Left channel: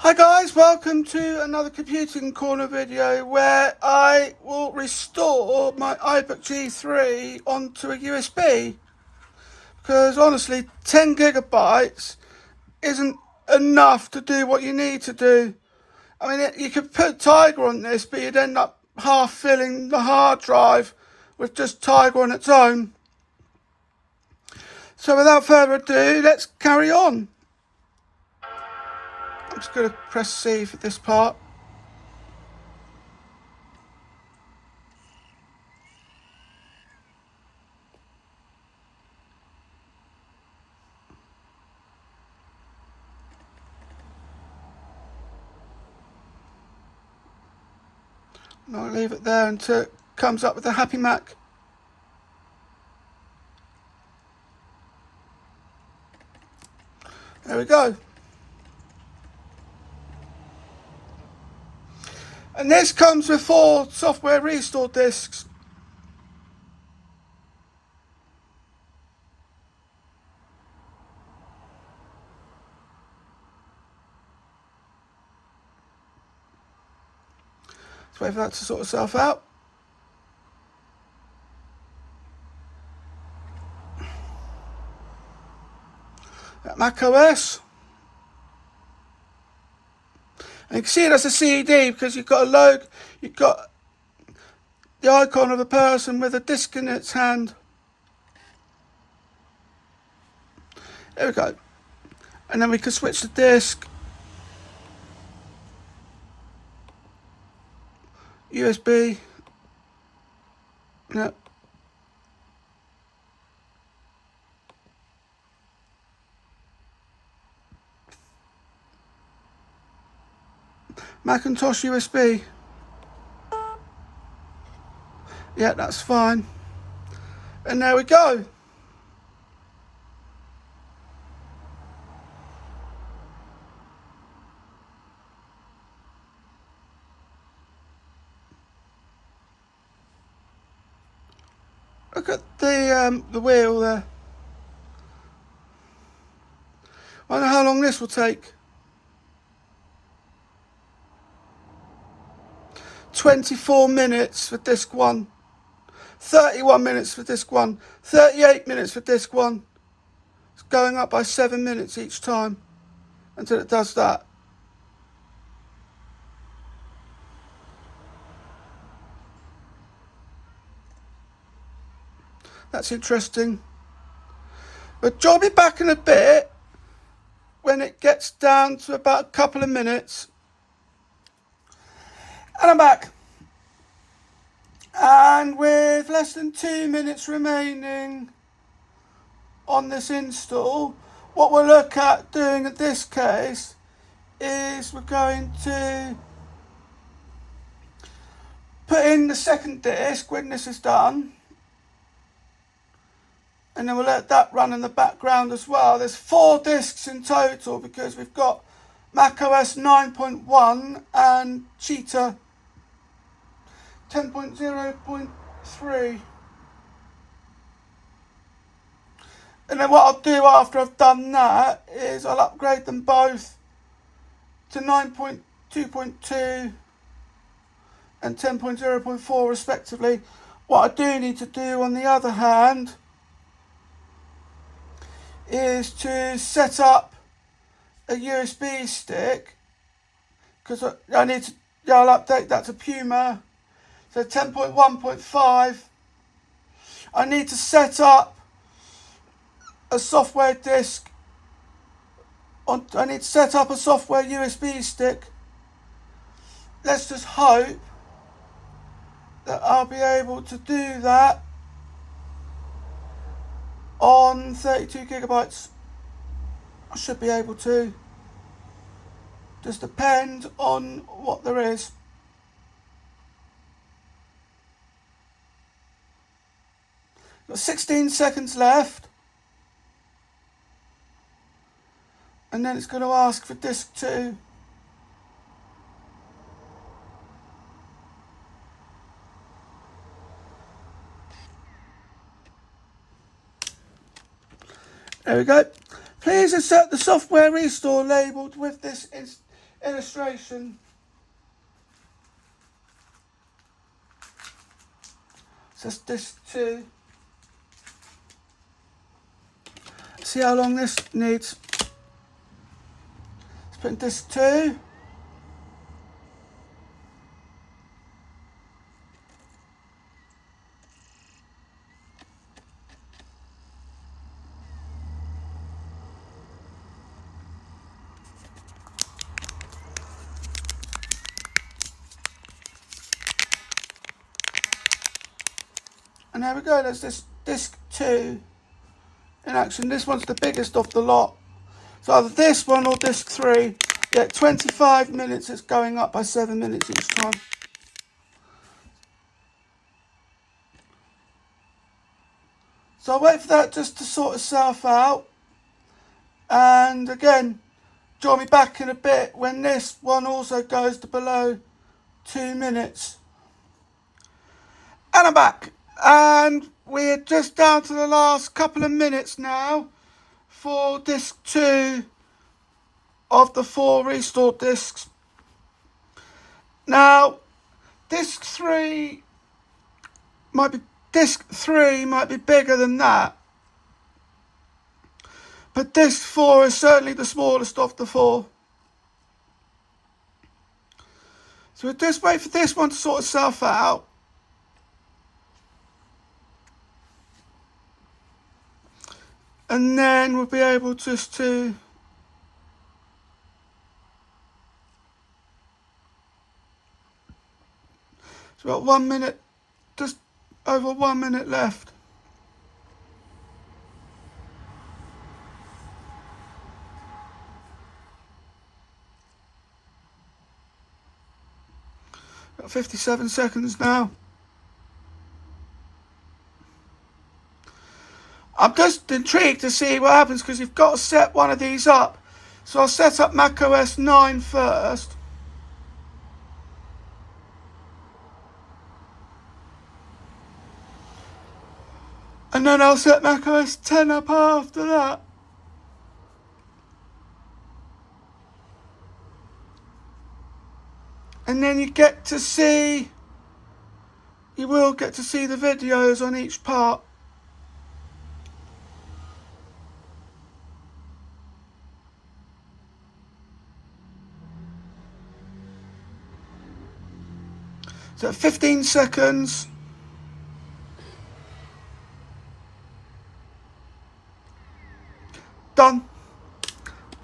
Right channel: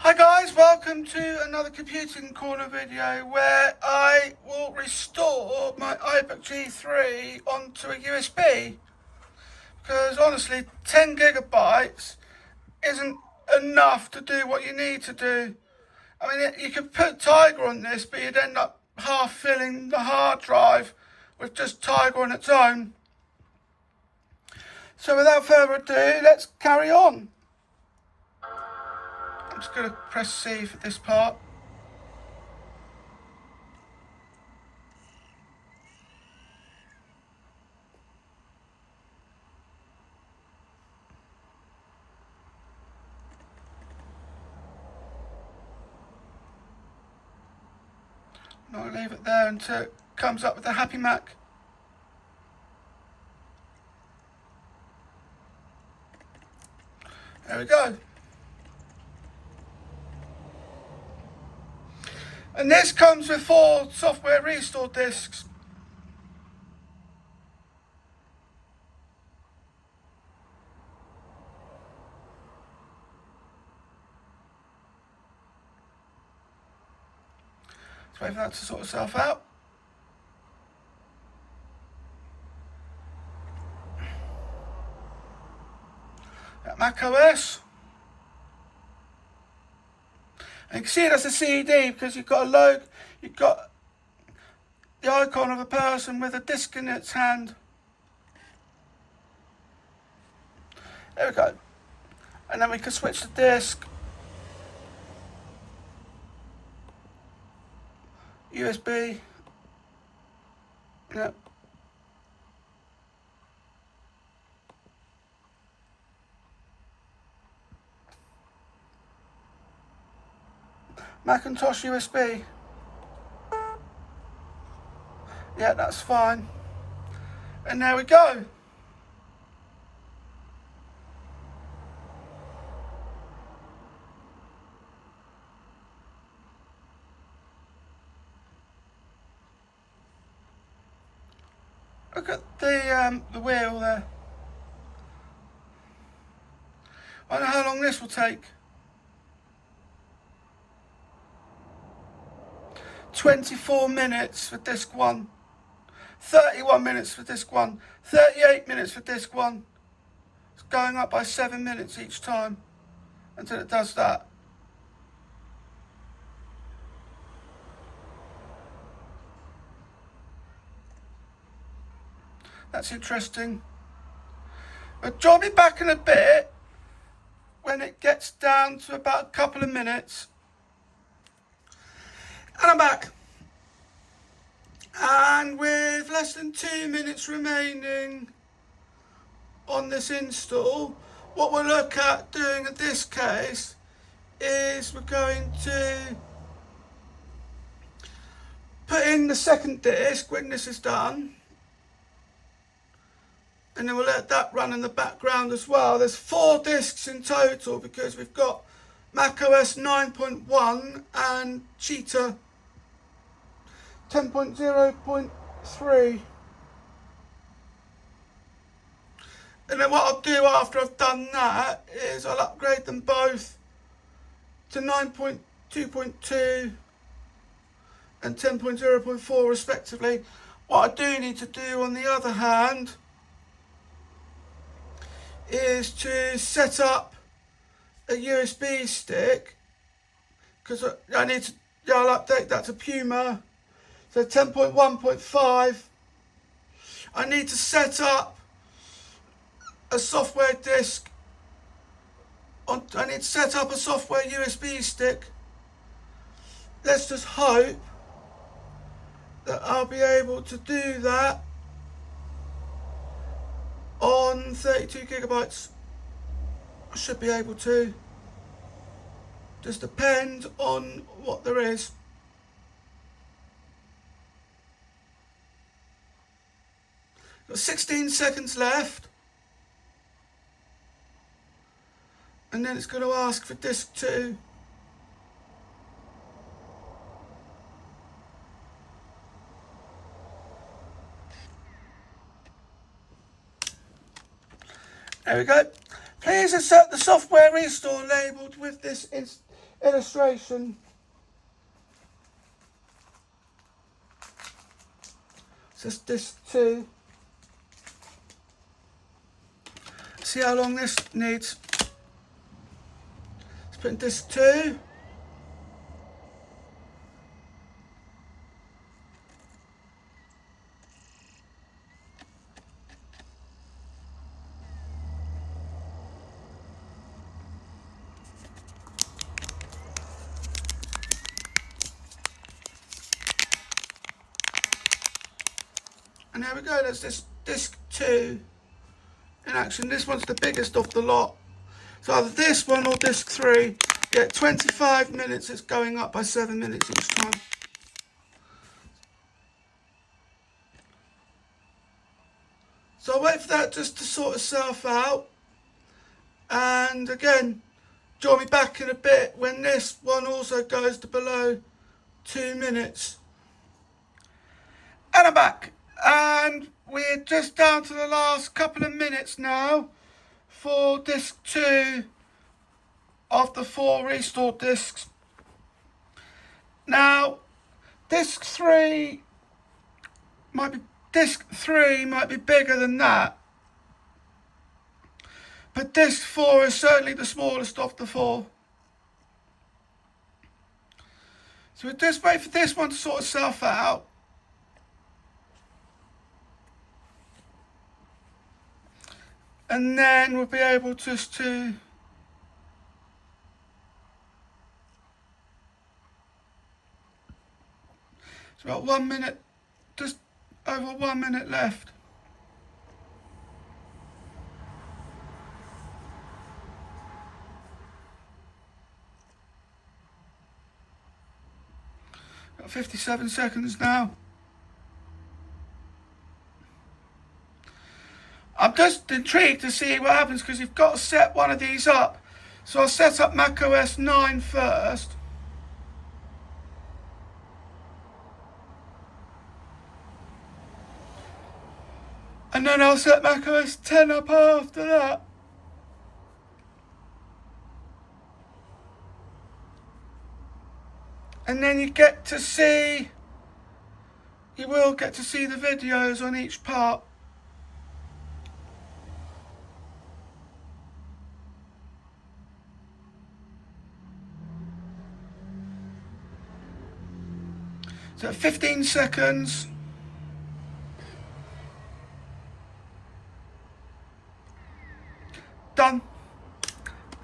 Hi guys, welcome to another Computing Corner video where I will restore my iBook G3 onto a USB, because honestly 10 gigabytes isn't enough to do what you need to do. I mean, you could put Tiger on this, but you'd end up half filling the hard drive with just Tiger on its own. So without further ado, let's carry on. I'm just going to press C for this part. And I'll leave it there until it comes up with a happy Mac. There we go. And this comes with 4 software restore discs. Let's wait for that to sort itself out. Mac OS. And you can see that's a CD because you've got a logo, you've got the icon of a person with a disc in its hand. There we go. And then we can switch the disc. USB. Yep. Macintosh USB. Yeah, that's fine. And there we go. Look at the wheel there. I wonder how long this will take. 24 minutes for disc 1, 31 minutes for disc 1, 38 minutes for disc 1. It's going up by 7 minutes each time until it does that. That's interesting. But I'll be back in a bit when it gets down to about a couple of minutes. And I'm back. And with less than 2 minutes remaining on this install, what we'll look at doing in this case is we're going to put in the second disc when this is done. And then we'll let that run in the background as well. There's 4 discs in total because we've got macOS 9.1 and Cheetah 10.0.3. And then what I'll do after I've done that is I'll upgrade them both to 9.2.2 and 10.0.4 respectively. What I do need to do on the other hand is to set up a USB stick, because I need to, I'll update that to Puma. So 10.1.5. I need to set up a software disk. I need to set up a software USB stick. Let's just hope that I'll be able to do that on 32 gigabytes. I should be able to. Just depend on what there is. Got 16 seconds left. And then it's going to ask for disk 2. There we go. Please accept the software restore labelled with this illustration. So it's disc 2. See how long this needs. Let's put in disc 2. And there we go, that's this disc 2 in action. This one's the biggest of the lot. So either this one or disc 3. Yeah, 25 minutes, it's going up by 7 minutes each time. So I'll wait for that just to sort itself out. And again, join me back in a bit when this one also goes to below 2 minutes. And I'm back. And we're just down to the last couple of minutes now for disc 2 of the 4 restored discs. Now, disc 3 might be bigger than that, but disc 4 is certainly the smallest of the 4. So we'll just wait for this one to sort itself out. And then we'll be able just to it's about 1 minute, just over 1 minute left. Got 57 seconds now. I'm just intrigued to see what happens because you've got to set one of these up. So I'll set up macOS 9 first. And then I'll set macOS 10 up after that. And then you will get to see the videos on each part. So 15 seconds. Done.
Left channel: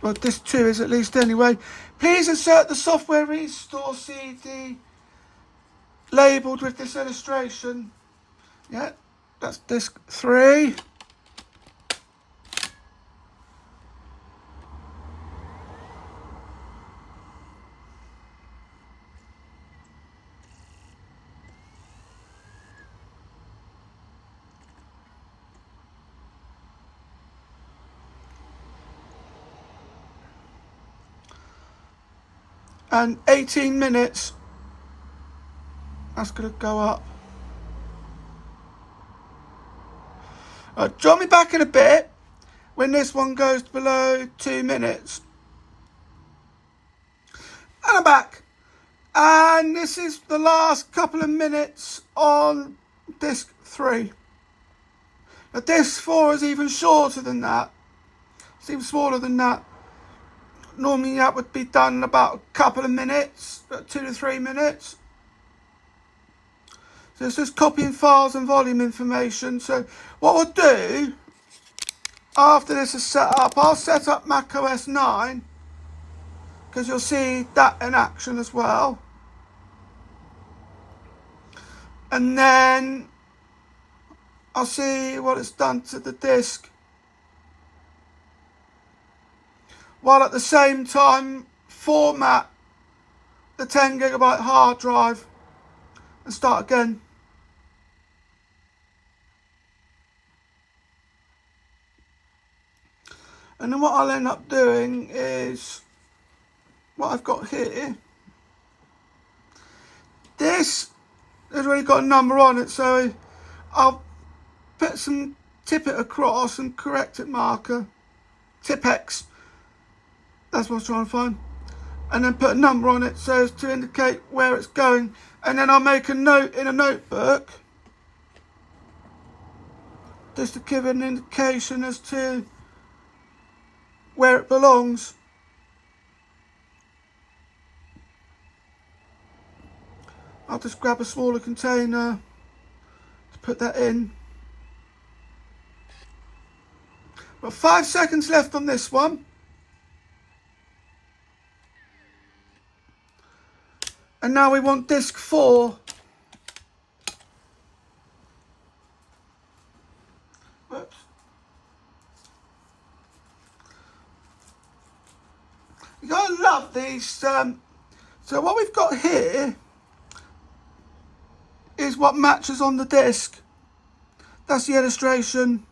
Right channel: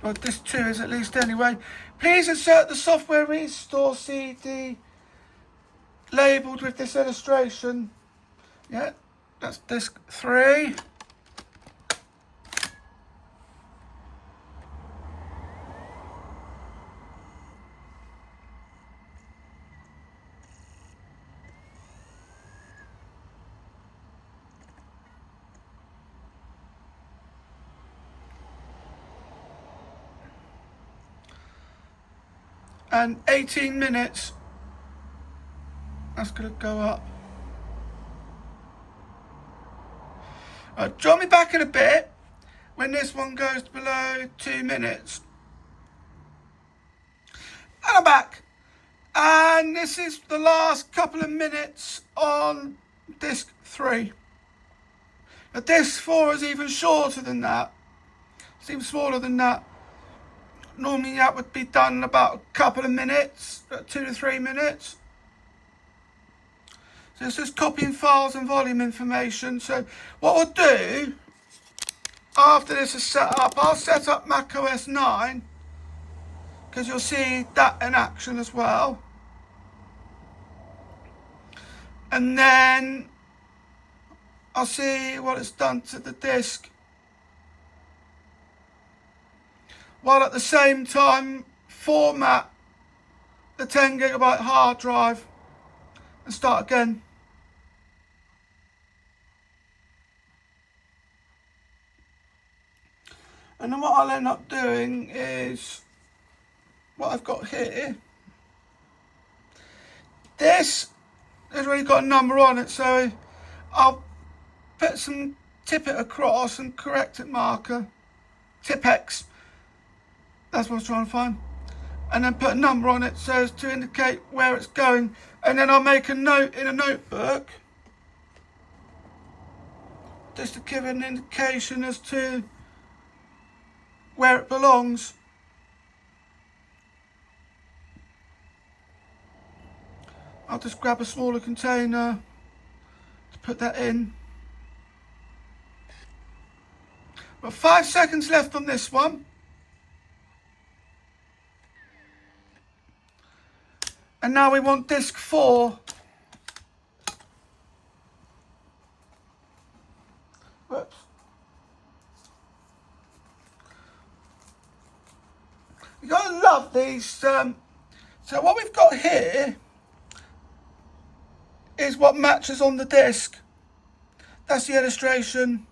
Well, this 2 is at least anyway. Please insert the software restore CD labelled with this illustration. Yeah, that's disc 3. And 18 minutes, that's going to go up. Right, join me back in a bit when this one goes below 2 minutes. And I'm back. And this is the last couple of minutes on disc 3. Now disc 4 is even shorter than that. It's even smaller than that. Normally that would be done in about a couple of minutes, 2 to 3 minutes. So it's just copying files and volume information. So what we'll do, after this is set up, I'll set up macOS 9, because you'll see that in action as well. And then I'll see what it's done to the disk, while at the same time format the 10 gigabyte hard drive and start again. And then what I'll end up doing is what I've got here. This has already got a number on it, so I'll put some tippet across and correct it marker, Tipex. That's what I was trying to find. and then put a number on it so as to indicate where it's going, and then I'll make a note in a notebook just to give an indication as to where it belongs. I'll just grab a smaller container to put that in. Got 5 seconds left on this one. And now we want disc 4. Whoops. You gotta love these. So what we've got here is what matches on the disc. That's the illustration.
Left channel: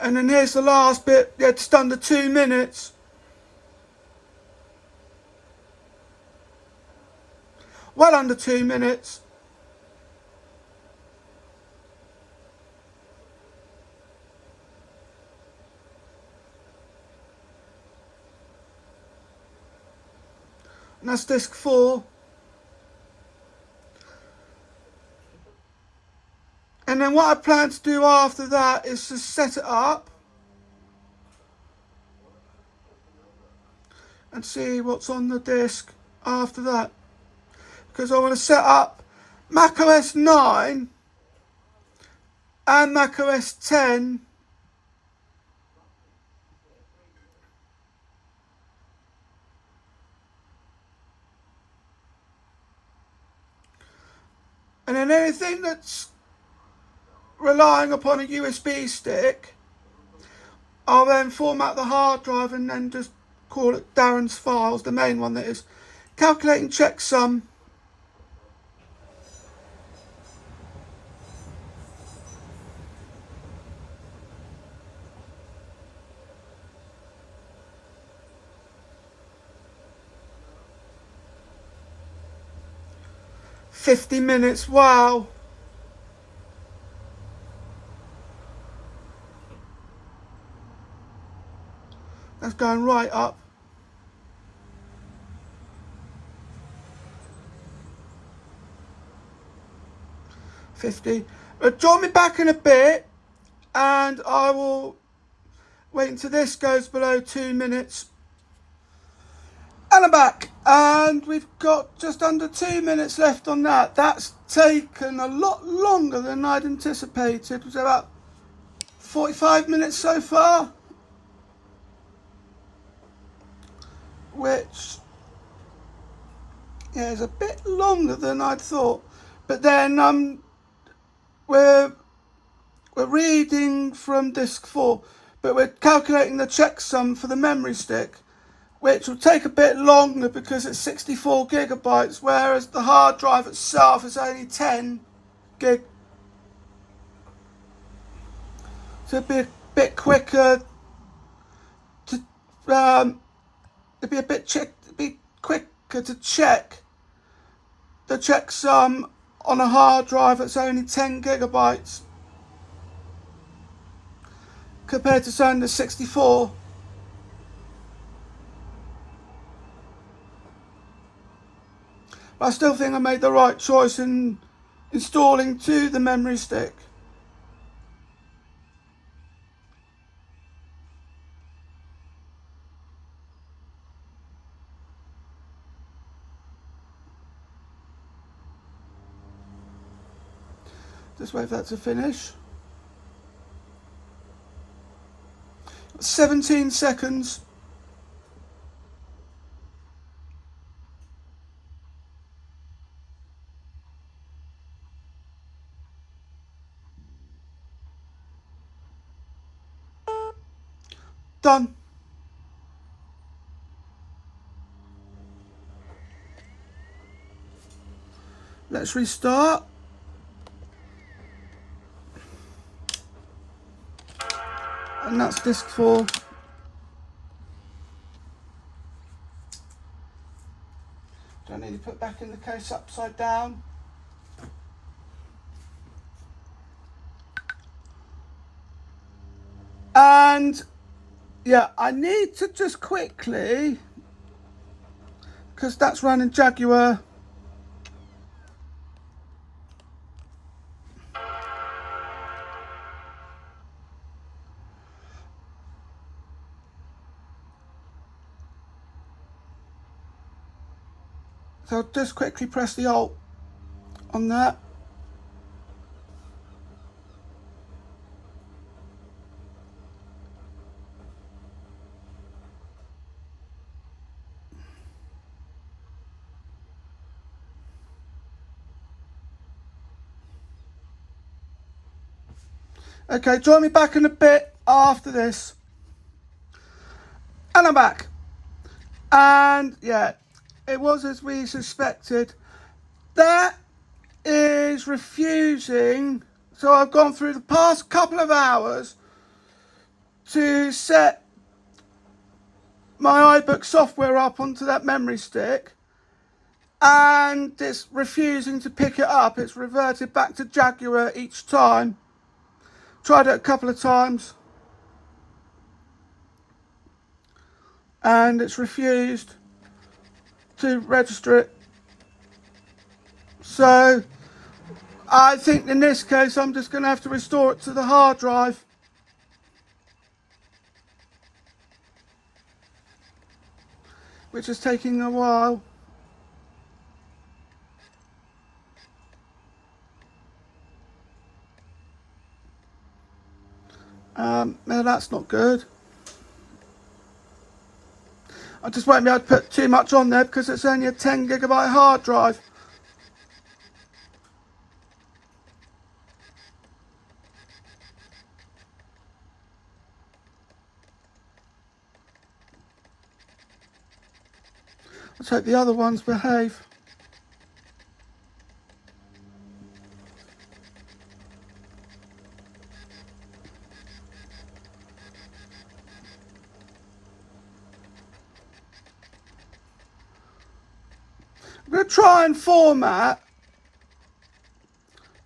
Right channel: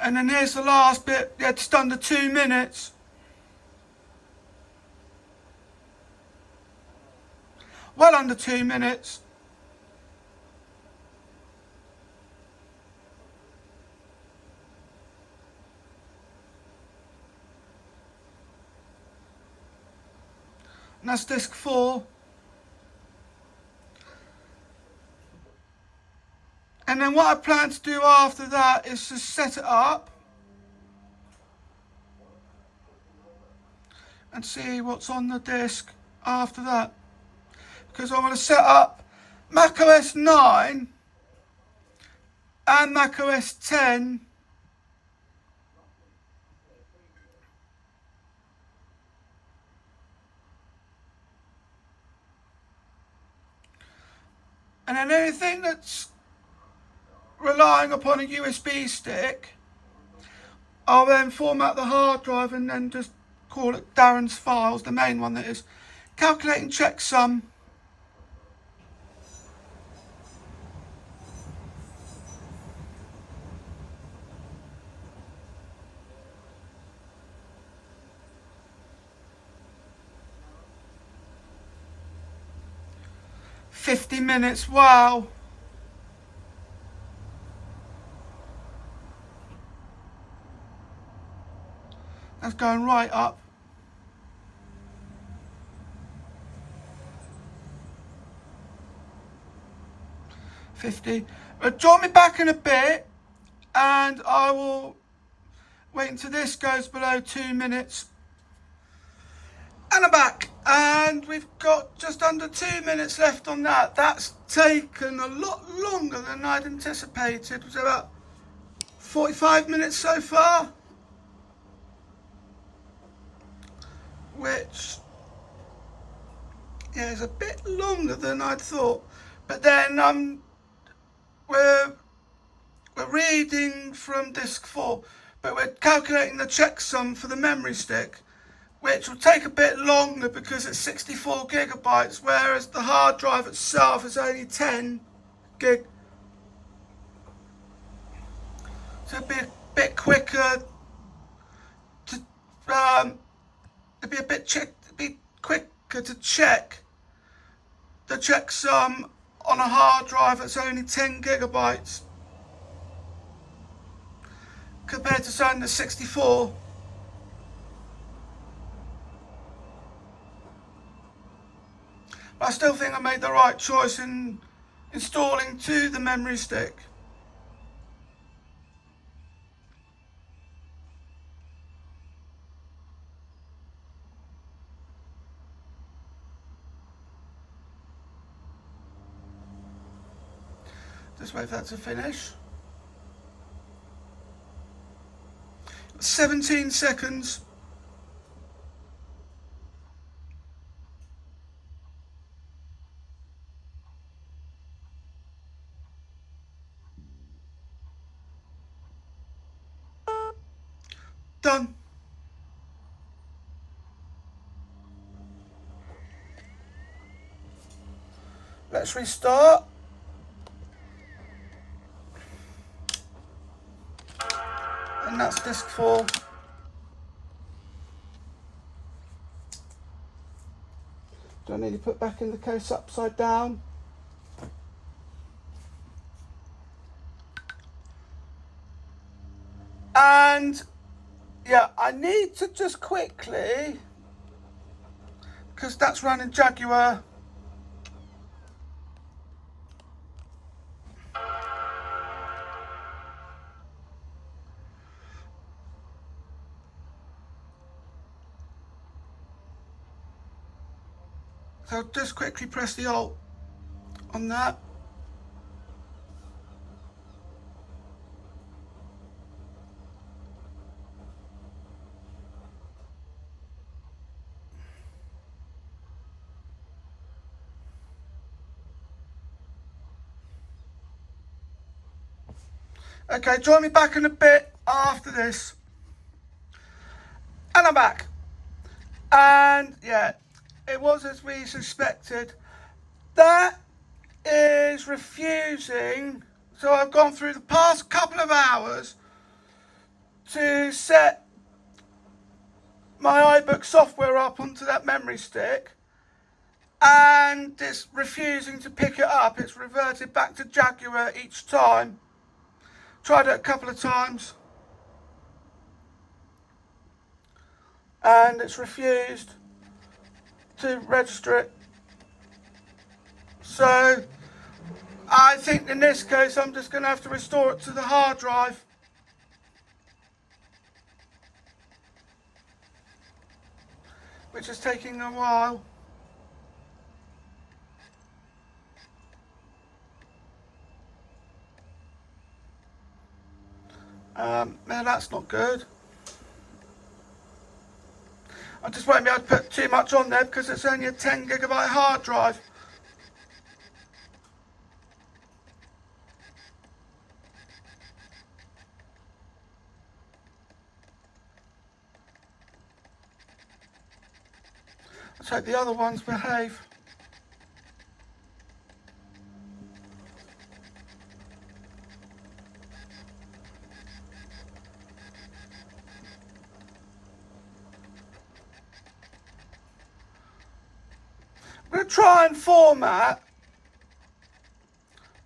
And then here's the last bit, yeah, just under 2 minutes. Well under 2 minutes. And that's disc 4. And then what I plan to do after that is to set it up and see what's on the disc after that. Because I want to set up macOS 9 and macOS 10 and then anything that's relying upon a USB stick, I'll then format the hard drive and then just call it Darren's Files, the main one that is. Calculating checksum. "50 minutes, wow." That's going right up. "50. Join me back in a bit and I will wait until this goes below 2 minutes. And I'm back, and we've got just under 2 minutes left on that. That's taken a lot longer than I'd anticipated. It was about 45 minutes so far, which, yeah, is a bit longer than I'd thought. But then we're reading from disc 4, but we're calculating the checksum for the memory stick, which will take a bit longer because it's 64 gigabytes, whereas the hard drive itself is only 10 gig. So it'd be a bit quicker to it'd be quicker to check the checksum on a hard drive that's only 10 gigabytes compared to something that's 64. But I still think I made the right choice in installing to the memory stick. Just wait for that to finish. 17 seconds. Done. Let's restart. and that's disc 4. Do I need to put back in the case upside down? And yeah, I need to just quickly, because that's running Jaguar. So I'll just quickly press the Alt on that. Okay, join me back in a bit after this. And I'm back. And yeah, it was as we suspected. That is refusing. So I've gone through the past couple of hours to set my iBook software up onto that memory stick, and it's refusing to pick it up. It's reverted back to Jaguar each time. Tried it a couple of times and it's refused to register it. So I think in this case I'm just going to have to restore it to the hard drive. Which is taking a while. No, that's not good. I just won't be able to put too much on there because it's only a 10 gigabyte hard drive. Let's hope the other ones behave. I'm going to try and format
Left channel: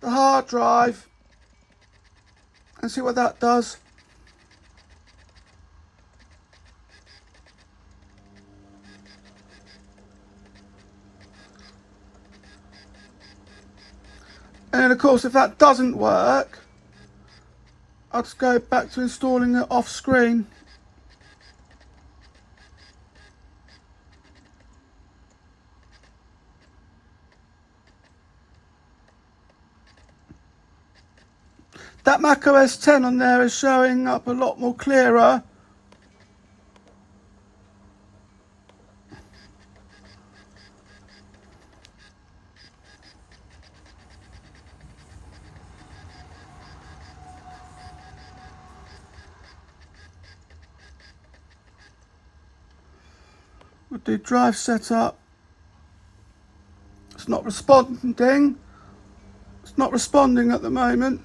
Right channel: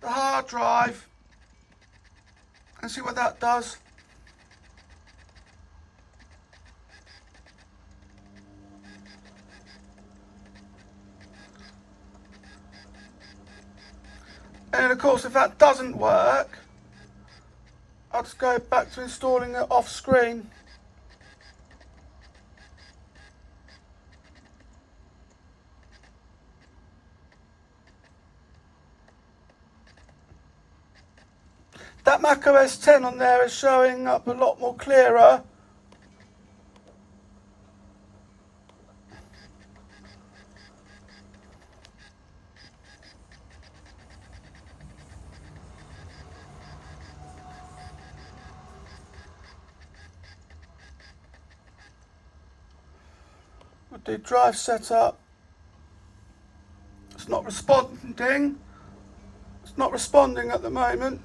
the hard drive and see what that does. And of course, if that doesn't work, I'll just go back to installing it off screen. That macOS 10 on there is showing up a lot more clearer. We'll do drive setup. It's not responding. It's not responding at the moment.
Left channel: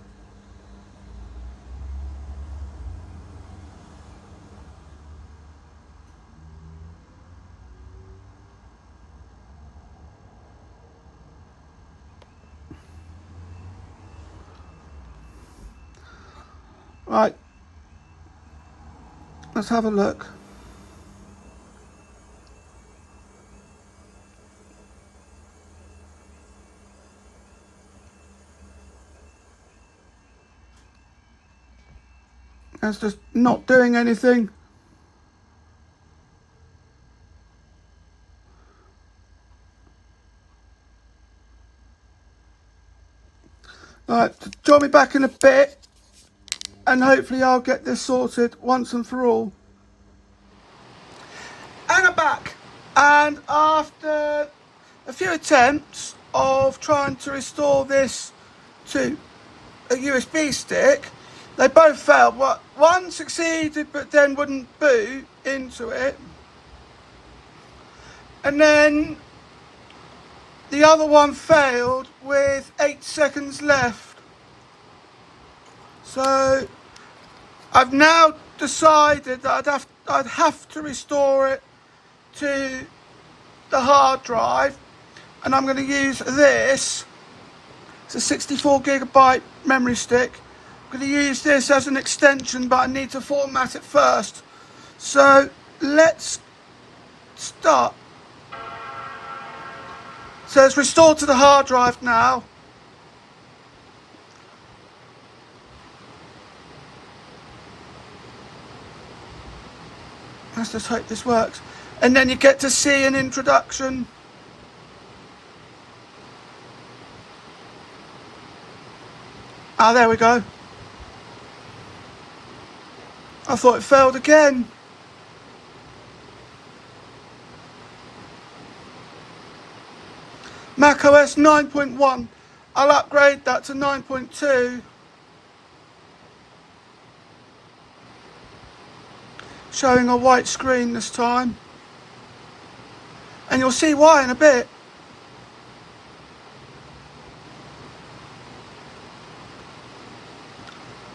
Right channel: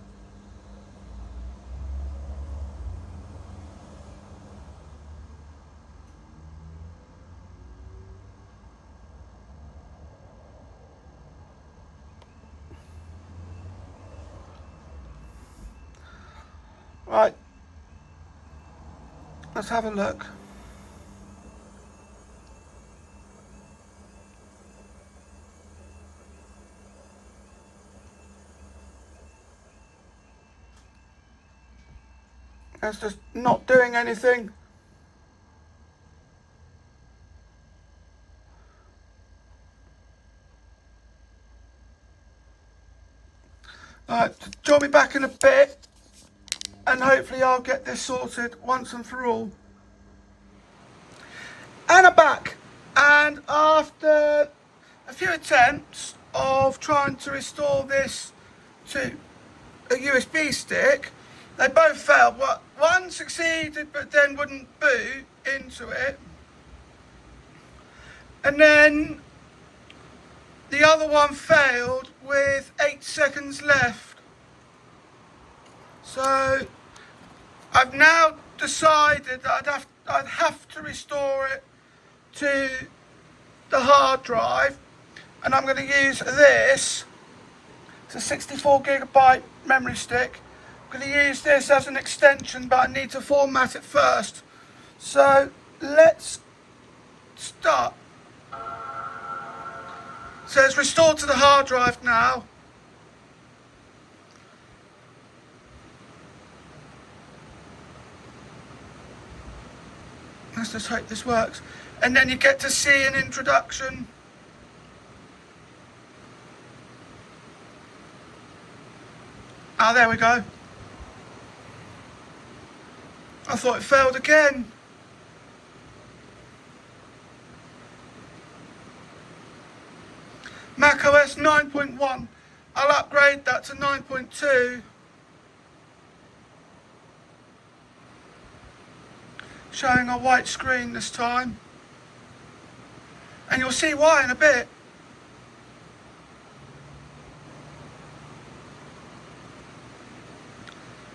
Right, let's have a look. It's just not doing anything. Right, join me back in a bit and hopefully I'll get this sorted once and for all. And I'm back, and after a few attempts of trying to restore this to a USB stick, they both failed. One succeeded but then wouldn't boot into it, and then the other one failed with 8 seconds left. So I've now decided that I'd have to restore it to the hard drive, and I'm going to use this. It's a 64GB memory stick. I'm going to use this as an extension, but I need to format it first. So let's start. So it's restored to the hard drive now. Let's just hope this works. And then you get to see an introduction. Ah, there we go. I thought it failed again. macOS 9.1. I'll upgrade that to 9.2. Showing a white screen this time. And you'll see why in a bit.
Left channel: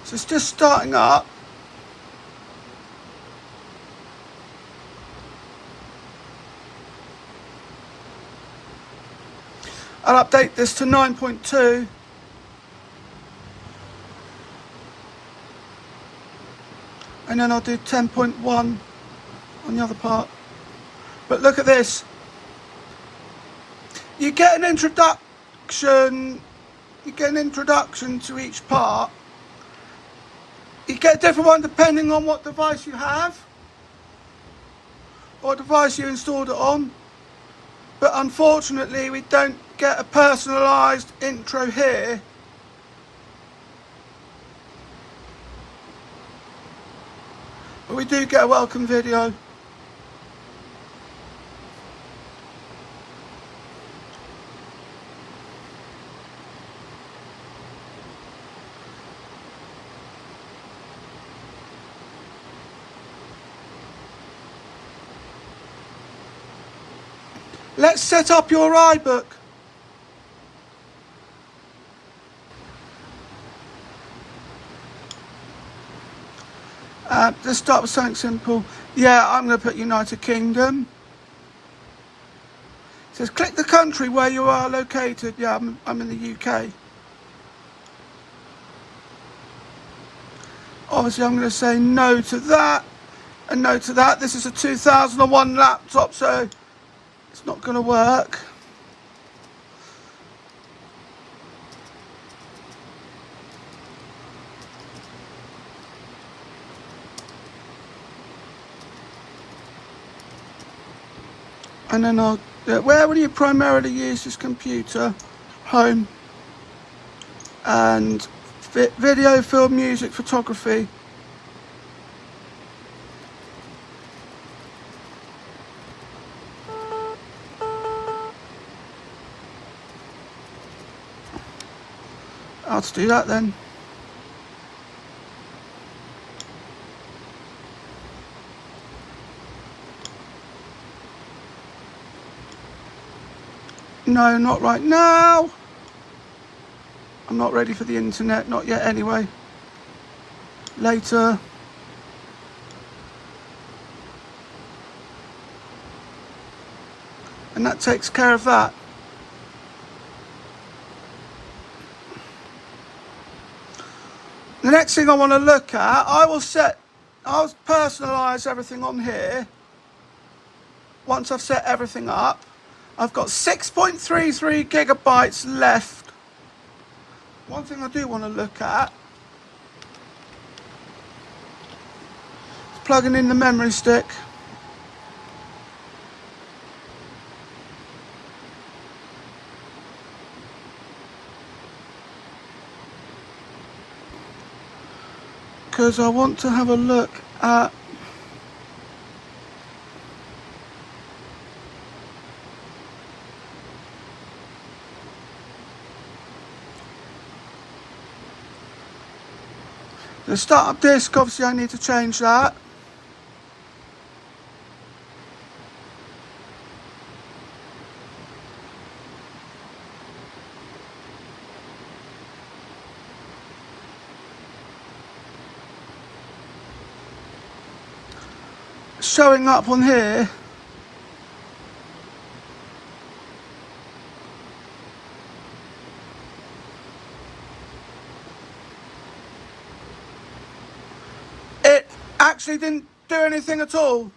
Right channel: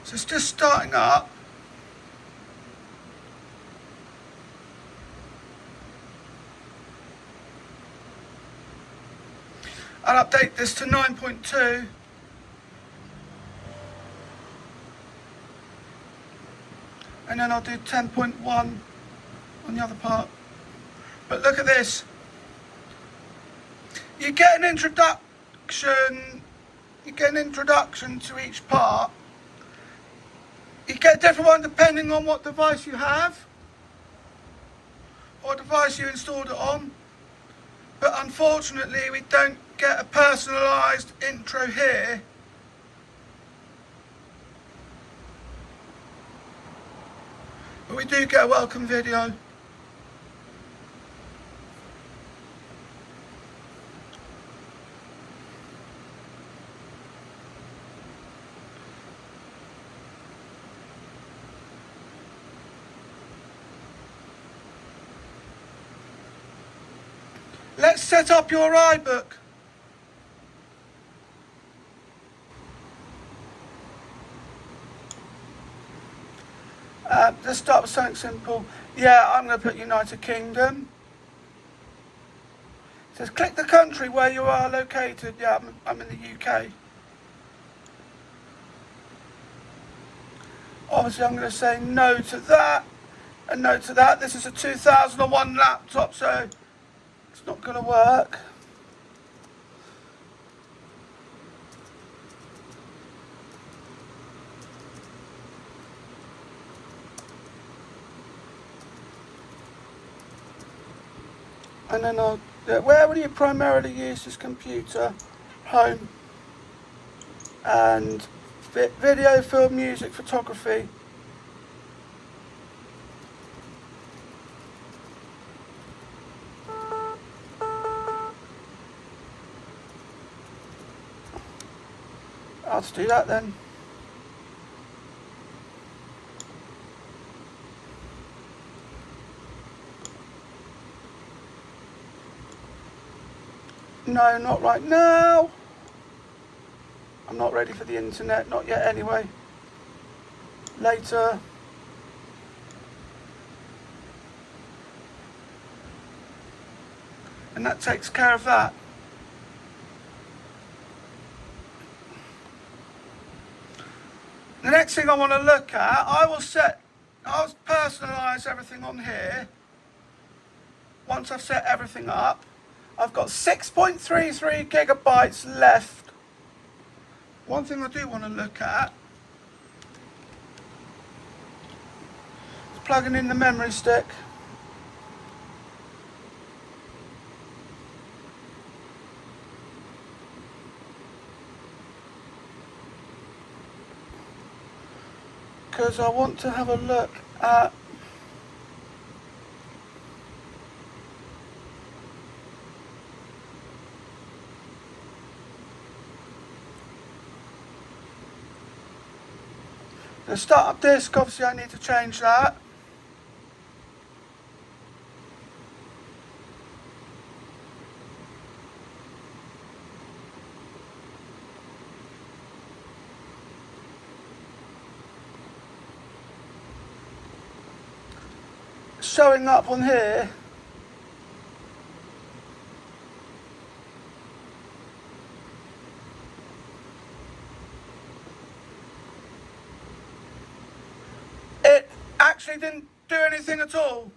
So it's just starting up. I'll update this to 9.2. And then I'll do 10.1 on the other part. But look at this. You get an introduction. You get an introduction to each part. You get a different one depending on what device you have, or device you installed it on. But unfortunately, we don't get a personalised intro here. But we do get a welcome video. Let's set up your iBook. Let's start with something simple. Yeah, I'm going to put United Kingdom. It says click the country where you are located. Yeah, I'm in the UK. Obviously, I'm going to say no to that and no to that. This is a 2001 laptop, so it's not going to work. And then where will you primarily use this computer? Home. And video, film, music, photography. Let's do that then. No, not right now. I'm not ready for the internet, not yet anyway. Later. And that takes care of that. The next thing I want to look at, I'll personalise everything on here. Once I've set everything up, I've got 6.33 gigabytes left. One thing I do want to look at is plugging in the memory stick. Because I want to have a look at the startup disk. Obviously I need to change that. showing up on here. It actually didn't do anything at all.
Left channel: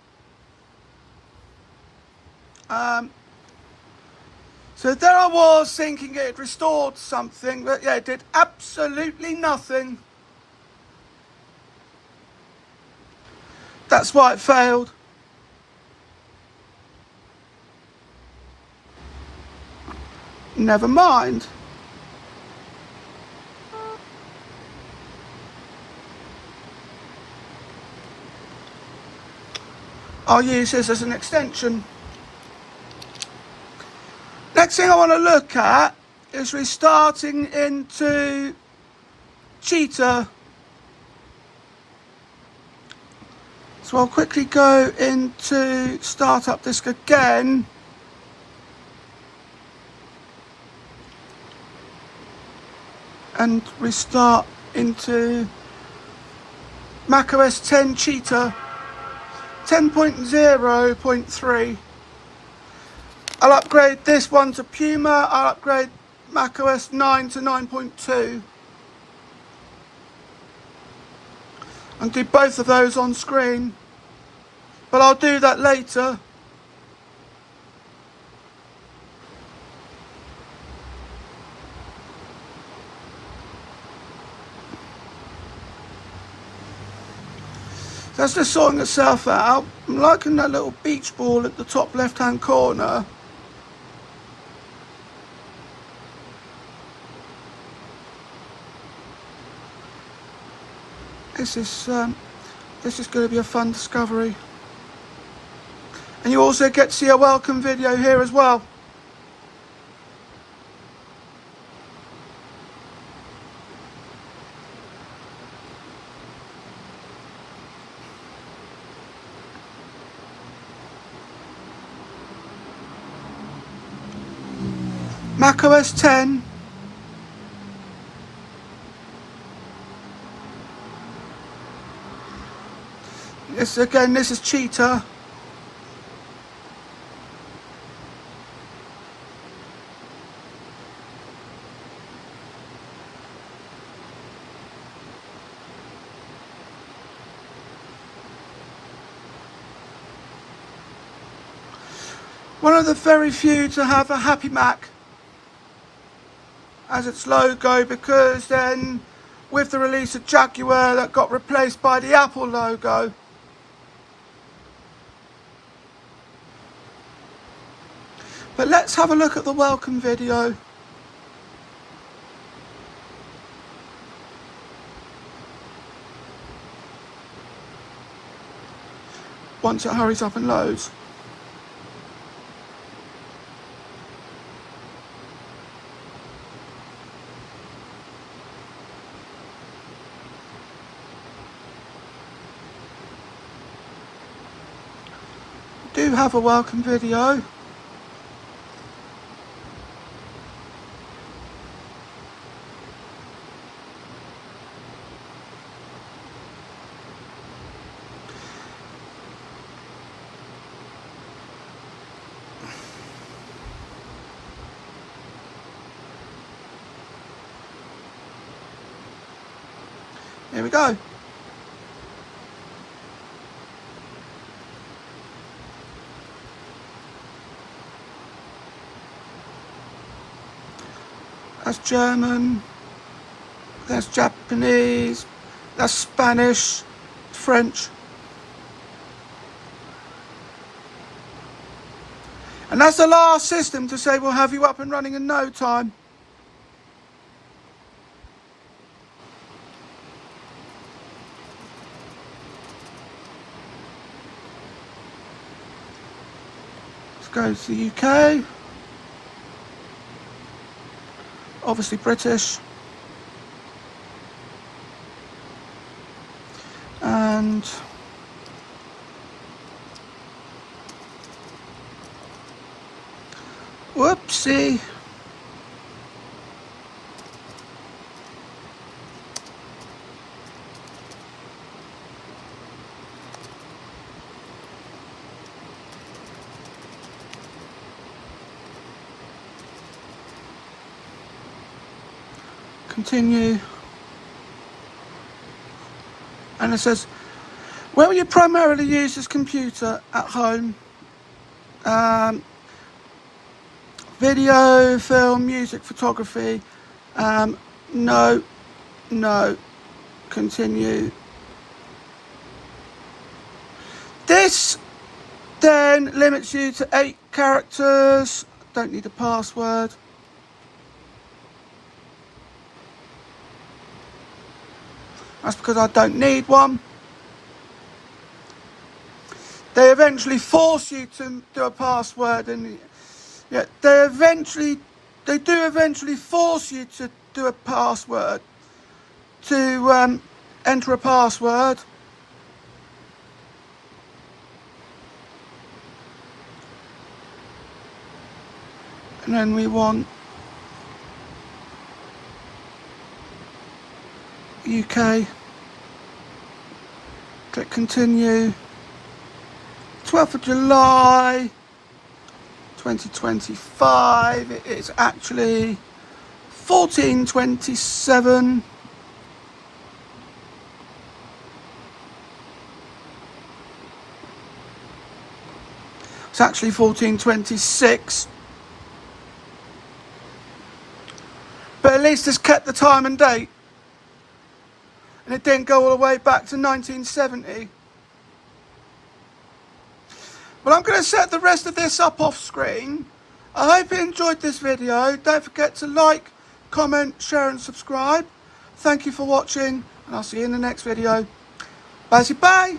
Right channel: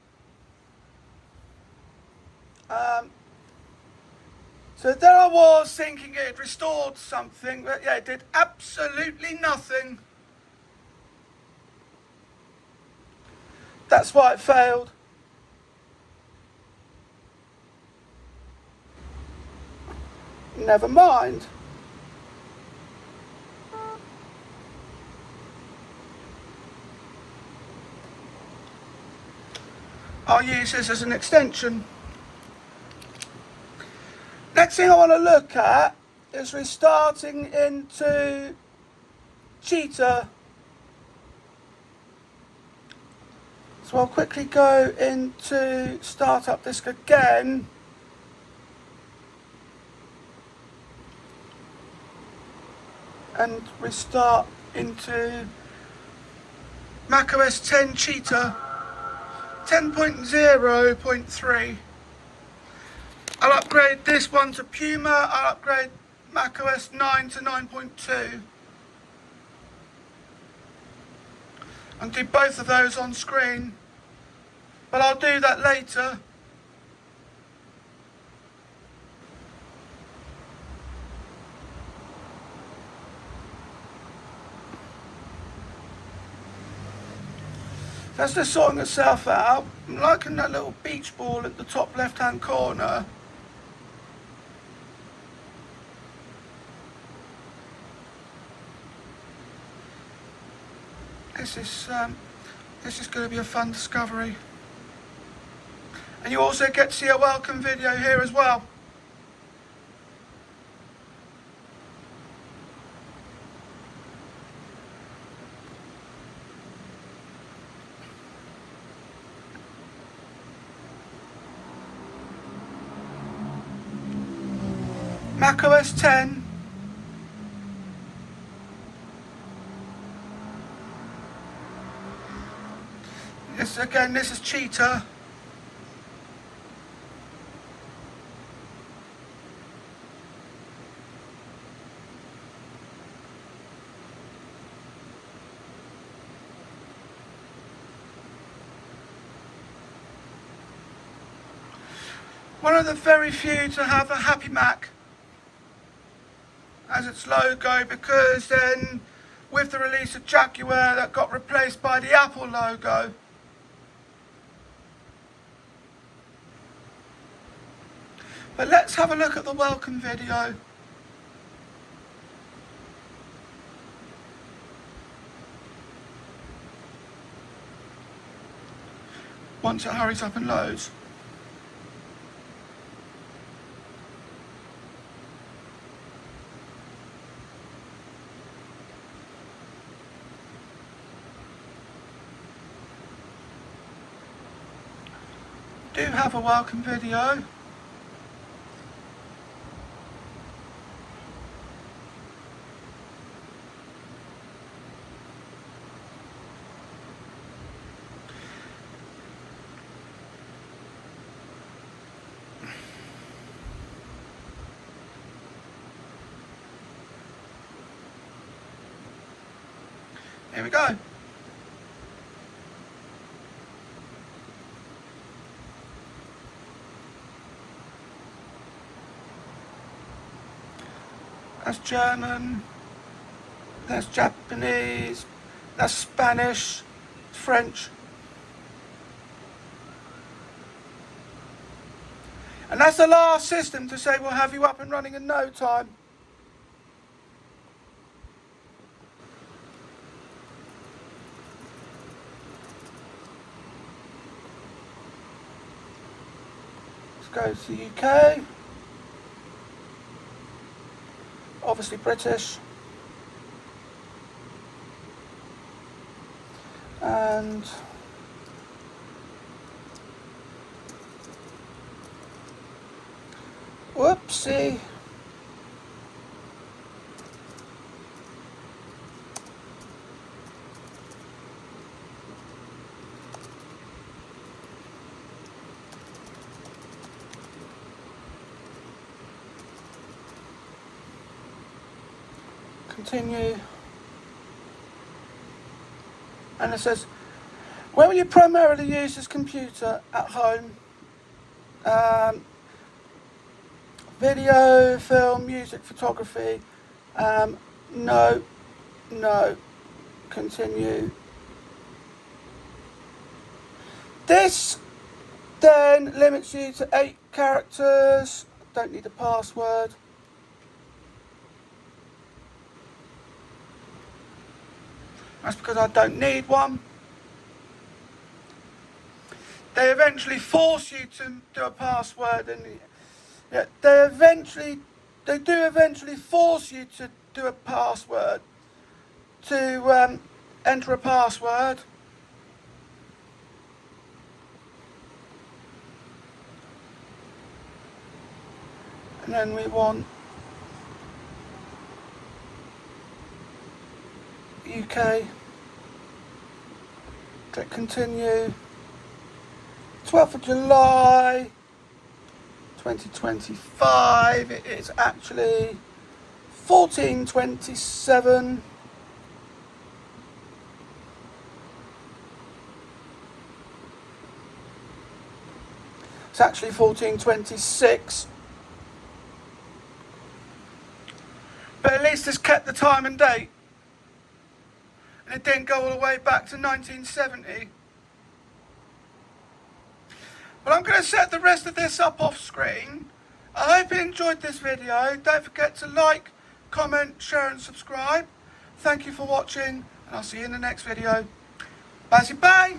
So there I was thinking it had restored something, but yeah, it did absolutely nothing. That's why it failed. Never mind. I'll use this as an extension. Next thing I want to look at is restarting into Cheetah. So I'll quickly go into Startup Disk again. And restart into macOS 10 Cheetah 10.0.3. I'll upgrade this one to Puma. I'll upgrade macOS 9 to 9.2. And do both of those on screen. But I'll do that later. That's just sorting itself out. I'm liking that little beach ball at the top left hand corner. This is going to be a fun discovery. And you also get to see a welcome video here as well. macOS 10. This is Cheetah. One of the very few to have a Happy Mac as its logo, because then with the release of Jaguar that got replaced by the Apple logo. But let's have a look at the welcome video. Once it hurries up and loads. Do have a welcome video. Here we go. That's German, that's Japanese, that's Spanish, French. And that's the last system to say we'll have you up and running in no time. Let's go to the UK. Obviously British. And whoopsie. Continue. And it says, where will you primarily use this computer? At home. Video, film, music, photography. No. Continue. This then limits you to 8 characters. Don't need a password. That's because I don't need one. They eventually force you to do a password, and yeah, they do eventually force you to do a password, to enter a password. And then we want UK. Click continue. 12th of July 2025. It is actually 1427. It's actually 1426. But at least it's kept the time and date. And it didn't go all the way back to 1970. But I'm going to set the rest of this up off screen. I hope you enjoyed this video. Don't forget to like, comment, share and subscribe. Thank you for watching, and I'll see you in the next video. Bye.